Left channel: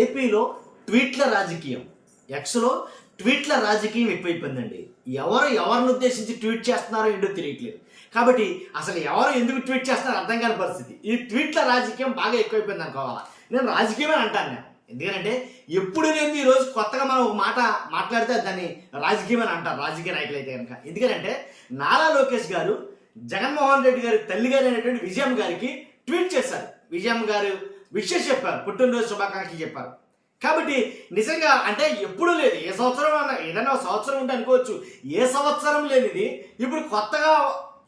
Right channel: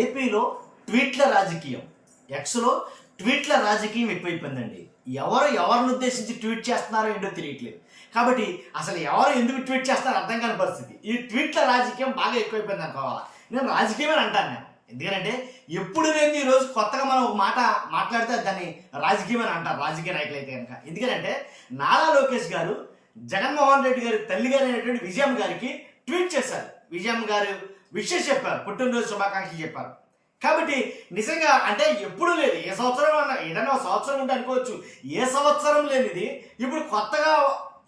ఏపీలో ట్వీట్ల రాజకీయం, ఎక్స్లో ట్వీట్ల రాజకీయం ఎక్కువైపోయిందండి. ఎవరిని ఉద్దేశించి ట్వీట్ చేస్తున్నారో ఏంటో తెలియట్లేదు. కాబట్టి అసలు ఎవరు ఎందుకు ట్వీట్ చేస్తున్నారో అర్థం కాని పరిస్థితి. ఈ ట్వీట్ల రాజకీయం బాగా ఎక్కువైపోయింది అనుకోవాలా. నేను రాజకీయమే అంటాను నేను, ఎందుకంటే ఎప్పుడు లేని ఈరోజు కొత్తగా మనం ఒక మాట మాట్లాడితే దాన్ని రాజకీయం అని అంటారు రాజకీయ నాయకులు అయితే కనుక. ఎందుకంటే నారా లోకేష్ గారు జగన్మోహన్ రెడ్డి గారి తల్లి గారు అయినటువంటి విజయమ్మ గారికి ట్వీట్ చేశారు. విజయమ్మ గారు విషెస్ చెప్పారు, పుట్టినరోజు శుభాకాంక్షలు చెప్పారు. కాబట్టి నిజంగా అంటే ఎప్పుడూ లేదు, ఏ సంవత్సరం అన్న ఏదైనా సంవత్సరం ఉంటే అనుకోవచ్చు, ఏ సంవత్సరం లేనిది ఇప్పుడు కొత్తగా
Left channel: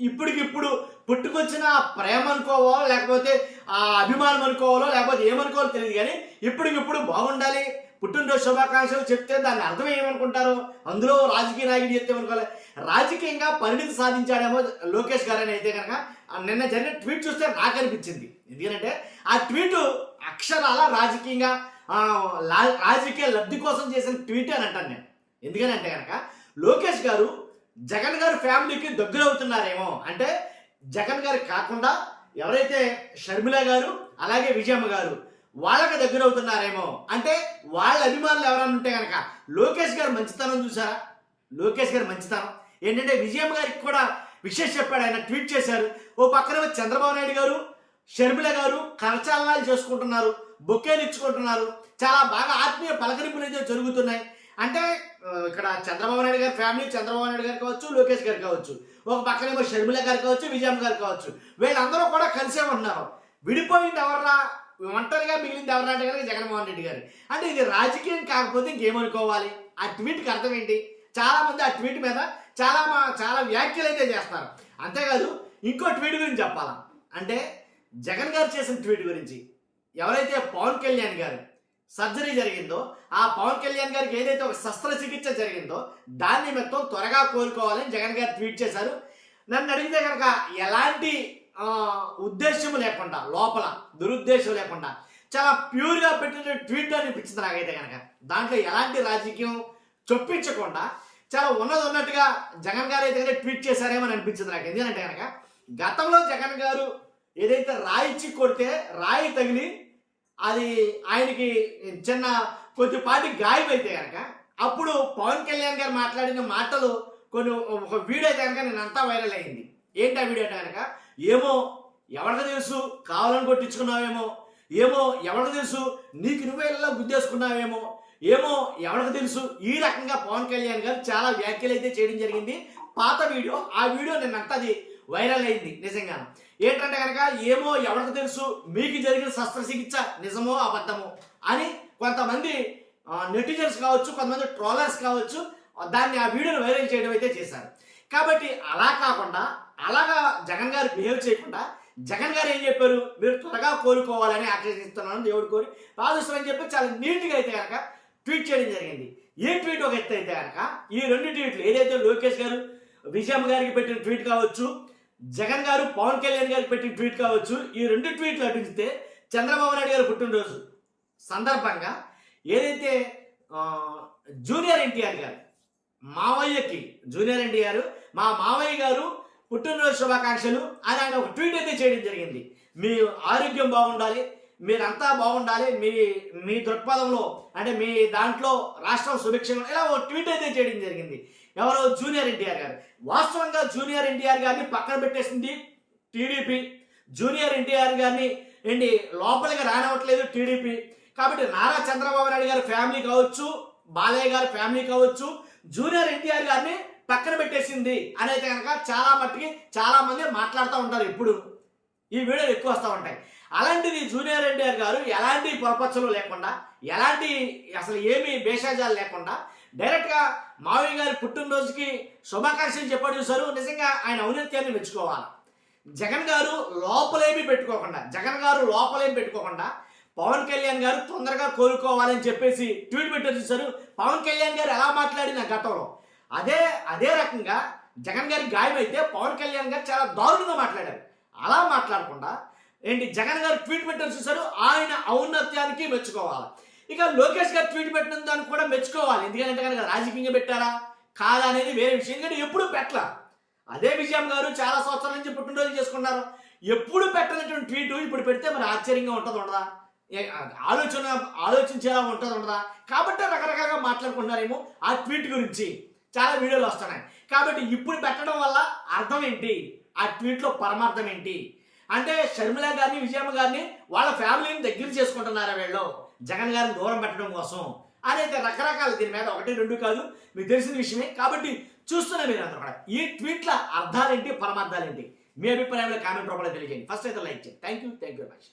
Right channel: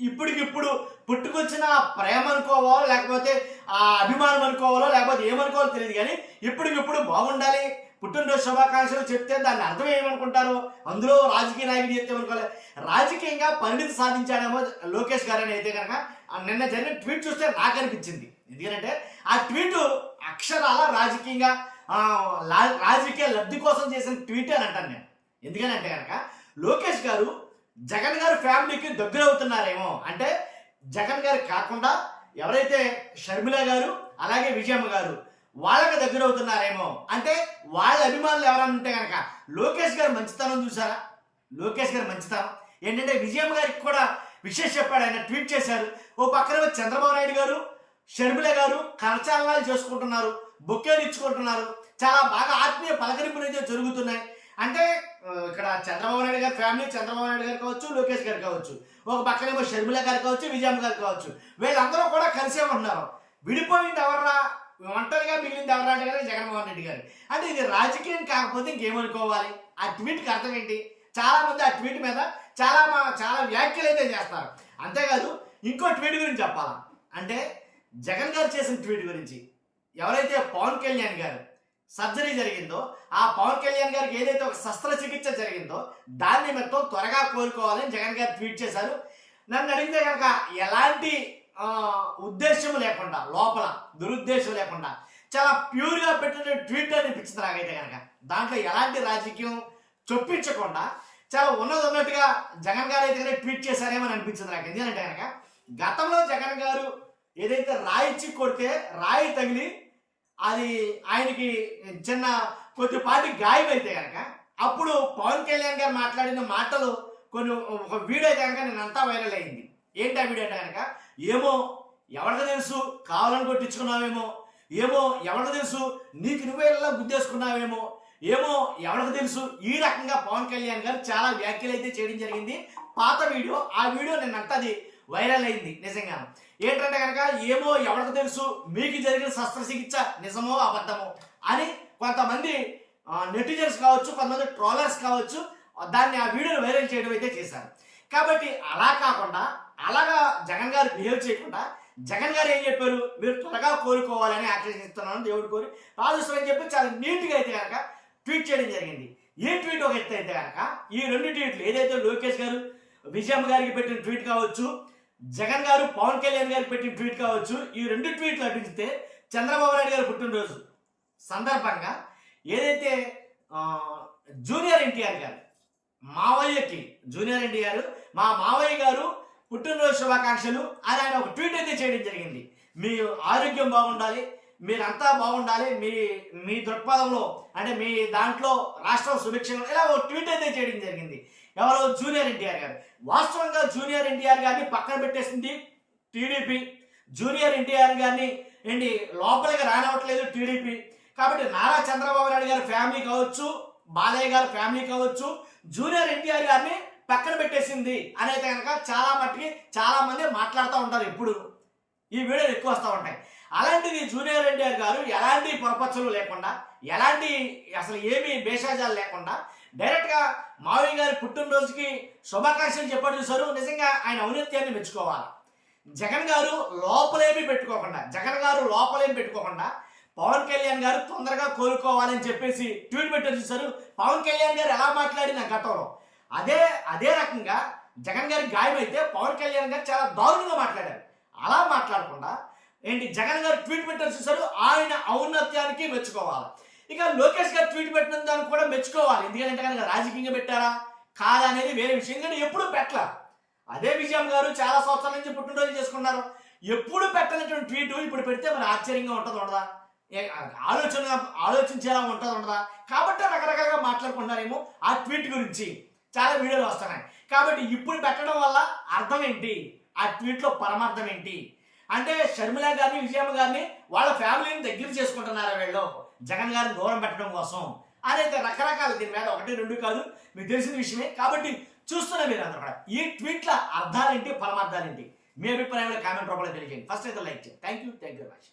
ఇప్పటికిప్పుడు పుట్టుకొచ్చిన ప్రేమ అనుకోవాలో లేకపోతే ఆ అభిమానం అనుకోవాలో లేకపోతే ఏమనుకోవాలో తెలియదు, కానీ ఇప్పటికిప్పుడు బాగుండాలి పుట్టినరోజు శుభాకాంక్షలు చెప్తే దాన్ని అర్థం ఏమనుకుంటారు, అందులో రాజకీయ నాయకుడు చెప్తే అనుకోవాలి. రాజకీయంగా పరిణితి సాధించాడేమో లోకేష్ గారని అయితే కనుక నిన్న జరిగిన ట్వీట్ చూస్తే నాకు అనిపించింది. ఎందుకంటే ఆ ట్వీటు అక్షరాల రాజకీయంగా రాజకీయ లబ్ధి కోసం చేసిన ట్వీట్ అని అంటాను నేను. ఎందుకనంటే కనుక లోకేష్ గారు జగన్ గారి ఫ్యామిలీకి దగ్గర అవుతున్నారేమో, అంటే జగన్ గారికి కాకుండా ఎవరైతే షర్మిల గారు అలాగే విజయమ్మ గారు వాళ్ళకి దగ్గర అవుతున్నారేమో, అంటే వాళ్ళ అభిమానులు ఎవరైనా ఉంటే కనుక లోకేష్ గారు మంచితనం చూసారా. లోకేష్ గారు మంచితనం ఏంటంటే విజయమ్మ గారికి కూడా విషయం చెప్పాడు, ఆయన ట్వీట్ చేశారు. ఓ పక్కన చంద్రబాబు నాయుడు గారు షర్మిల గారు కరచాలనాలు చేసుకుంటున్నారు, బొకేలు ఇచ్చుకుంటున్నారు, చాలా బాగా ఆత్మీయ పలకరింపులు అయితే జరుగుతున్నాయి. అంటే ఇక్కడ చంద్రబాబు నాయుడు గారి ఫ్యామిలీ, చంద్రబాబు నాయుడు గారు కావచ్చు, లోకేష్ గారు కావచ్చు, ఒక పక్కనేమో షర్మిల గారు కావచ్చు, విజయమ్మ గారు కావచ్చు, వీళ్ళందరూ కూడా కలిసే ఉన్నారు. విడిపోయింది ఎవర్రా, ఒంటరిగా మిగిలింది ఎవరా అంటే కనుక జగన్మోహన్ రెడ్డి గారు. అంటే ఇది రాజకీయం కాకపోతే ఇంకేమనుకోవాలి. ఆ ట్వీట్కి అర్థం ఏంటి? చాలామంది ఆ ట్వీట్ మీద చాలా వ్యాఖ్యలు అయితే చేస్తారు. అంతేకాదు ఇంకో ట్వీట్ గురించి చెప్పాలా అంటే జగన్ గారు చేసిన ట్వీట్ గురించి, ఎవరైతే పవన్ కళ్యాణ్ గారు సర్జరీ జరిగిందో ఆ పవన్ కళ్యాణ్ గారికి ఏదైతే ఒక శస్త్రచికిత్స జరిగిందో దాన్ని మొత్తం త్వరగా కోలుకోవాలని జగన్ గారు ట్వీట్ చేశారు. నన్ను అడిగితే కనుక ఎలాంటి ఉద్దేశం లేకుండా, లోపల దురుద్దేశం లేకుండా చాలా ప్యూర్గా పెట్టిన ట్వీట్ అనిపించింది నాకైతే కనుక. దాంట్లో ఎలాంటి రాజకీయం చొప్పించకుండా చాలా ఉన్నట్టుగా జగన్ గారు అయితే కనుక ట్వీట్ చేశారేమో అని అనిపించింది నాకు. ఎందుకంటే కనుక గతంలో జగన్ గారు ఏదైతే రాయిచ్చి కొడితే రాయి తగిలి అది ఆయనకి చిన్న కొద్దిపాటి గాయం అయితే కనుక అప్పుడు పవన్ కళ్యాణ్ గారు మాట్లాడిన మాటలు ఒక వీడియో అయితే కనుక నేను అంతా వైరల్ అయింది. ఏంటి ఆ వీడియో అంటే కనుక, ఏమో ఎవరికి తెలుసు కావాలని కొట్టించుకున్నావేమో, ఏమో ఎవరికి తెలుసు నీకు నువ్వే ఇలా గుద్దేసుకున్నావేమో, ఏమో ఎవరికి తెలుసు, ఈ రకంగా పవన్ కళ్యాణ్ గారు చాలా వ్యాఖ్యలు అయితే చేయడం జరిగింది. పాత వీడియో, ఆ వీడియో నిన్నంతా అది వైరల్ అయింది నిజంగా. ఏంటంటే కనుక ఏమో ఎవరికి తెలుసు మీకు జరిగిన శస్త్రచికిత్స నిజమో అబద్ధమో అని కొంతమంది నెటిజన్స్ కావచ్చు, కొంతమంది ట్రోలర్స్ కావచ్చు దాన్ని ఆ వీడియోని వైరల్ చేయడం అయితే చేశారు. కాబట్టి అలా కాకుండా అలాగా జగన్ గారు బిహేవ్ చేయకుండా జగన్ గారు ఏం చెప్పారు, మీరు త్వరగా కోలుకోవాలని ఆకర్షిస్తున్నాను దేవుడు కోరి ప్రార్థిస్తామని చెప్పి చాలా నీట్గా అయితే కనుక ట్వీట్ చేయడం జరిగింది. ఈ ట్వీట్ ఒక ఎత్తు అయితే కనుక ఈ రెండు ట్వీట్లు ఏదైతే లోకేష్ గారు విజయమ్మ గారికి పెట్టిన ట్వీట్ కావచ్చు, జగన్ గారు పవన్ కళ్యాణ్ గారికి పెట్టిన ట్వీట్ కావచ్చు, ఈ రెండు ట్వీట్లు అటుంచితే చంద్రబాబు నాయుడు గారు పుట్టినరోజు సందర్భంగా ఏదైతే జూనియర్ ఎన్టీఆర్ గారు మావయ్యకి జూనియర్ ఎన్టీఆర్ మా మావయ్య గారు పుట్టినరోజు శుభాకాంక్షలు అని ఆయన ఒక ట్వీట్ అయితే చేయడం జరిగింది. మీ ఆరోగ్యం బాగుండాలి, మీరంతా బాగుండాలి, మీ దృక్పథంలో అంటే మీ దాంట్లో రాష్ట్రం సుభిక్షంగా ఇలా ఒక ట్వీట్ అయితే చేయడం జరిగింది. ఎవరో జూనియర్ ఎన్టీఆర్ గారు. వాస్తవంగా జూనియర్ ఎన్టీఆర్ గారిని పక్కన పెట్టేసింది టీడీపీ. జూనియర్ ఎన్టీఆర్ గారిని ఏంటి లోపలికి రానివ్వట్లేదు టీడీపీ. కాబట్టి నారా చంద్రబాబు నాయుడు గారి ఫ్యామిలీ కావచ్చు, బాలయ్య గారి ఫ్యామిలీ కావచ్చు, జూనియర్ ఎన్టీఆర్ గారిని పక్కన పెట్టేసింది అని అయితే కనుక చాలా మట్టుకి చాలా మంది మాట్లాడుతూ ఉంటారు. ఎప్పుడు ఈ వీడియోలు ఎక్కువ వస్తూ ఉంటాయి. అలాంటిది జూనియర్ ఎన్టీఆర్ గారు ఎలాంటి పొరపచ్చలు లేకుండా, ఎలాంటి అసలు ఏమీ భేషజాలు లేకుండా డైరెక్ట్గా మావయ్య గారి పుట్టినరోజుకి శుభాకాంక్షలు చెప్పాడు చూసారు. నిజంగా ఆయన ఔన్నత్యాన్ని మెచ్చుకోవాలి. జగన్ గారు లోపలేమీ పెట్టుకోకుండా పవన్ కళ్యాణ్ గారు తొందరగా కోలుకోవాలని చెప్పేసి ట్వీట్ పెట్టారు చూసారు. పవన్ కళ్యాణ్ గారు ఎలా మాట్లాడిన గతంలో అదే రకంగా జగన్ గారికి గాయం అయితే పవన్ కళ్యాణ్ గారు చాలా దారుణంగా మాట్లాడారు. అలా మాట్లాడకుండా ఏంటి జగన్ గారు ట్వీట్ పెట్టారు చూసారు, ఆయన ఔన్నత్యానికి మెచ్చుకోవాలి. ఇక లోకేష్ గారు ట్వీట్ పెట్టిన దానికి కూడా మెచ్చుకోవాలి. ఎందుకంటే కనుక రాజకీయంగా పెట్టారా కాదా అనేది వేరే విషయం, కానీ ఎప్పుడు పెట్టలా. అదే విజయమ్మ గారు చాలా సంవత్సరాల నుంచి పుట్టినరోజు చేసుకున్నారు, ఎప్పుడు పెట్టనటువంటి ట్వీట్ ఇప్పుడు పెడితే మరి ఆశ్చర్యంగా ఉండదా? ఆలోచించేలా ఉంటుంది ఉండదా, కాబట్టి రకరకాలుగా మాట్లాడుకుంటున్నారేమో ఆ ట్వీట్ గురించి చాలా వీడియోలు వస్తున్నాయి. కాబట్టి ఇప్పుడు పెట్టడం వల్ల అర్థం ఏంటి, ఆ ట్వీట్లో పరమార్థం ఏంటి అంటే షర్మిల గారిని విజయమ్మ గారిని వాళ్ళ ఫ్యామిలీని దగ్గర చేసుకుంటున్నారా వీళ్ళు జగన్ గారిని దూరం పెట్టడం కోసం అనేది రకరకాల దీని మీద 1, 2 కాదు, మీకు తెలిసిన విషయమే. కాబట్టి చూస్తున్నా మీరు అందరూ కూడా ఈ ట్వీట్ల అర్థాలేంటి పరమార్థాలేంటి మీ అభిప్రాయంలో కామెంట్ రూపంలో తెలియజేయండి. ఫస్ట్ అయితే లైక్ చేయండి. Thank you very much.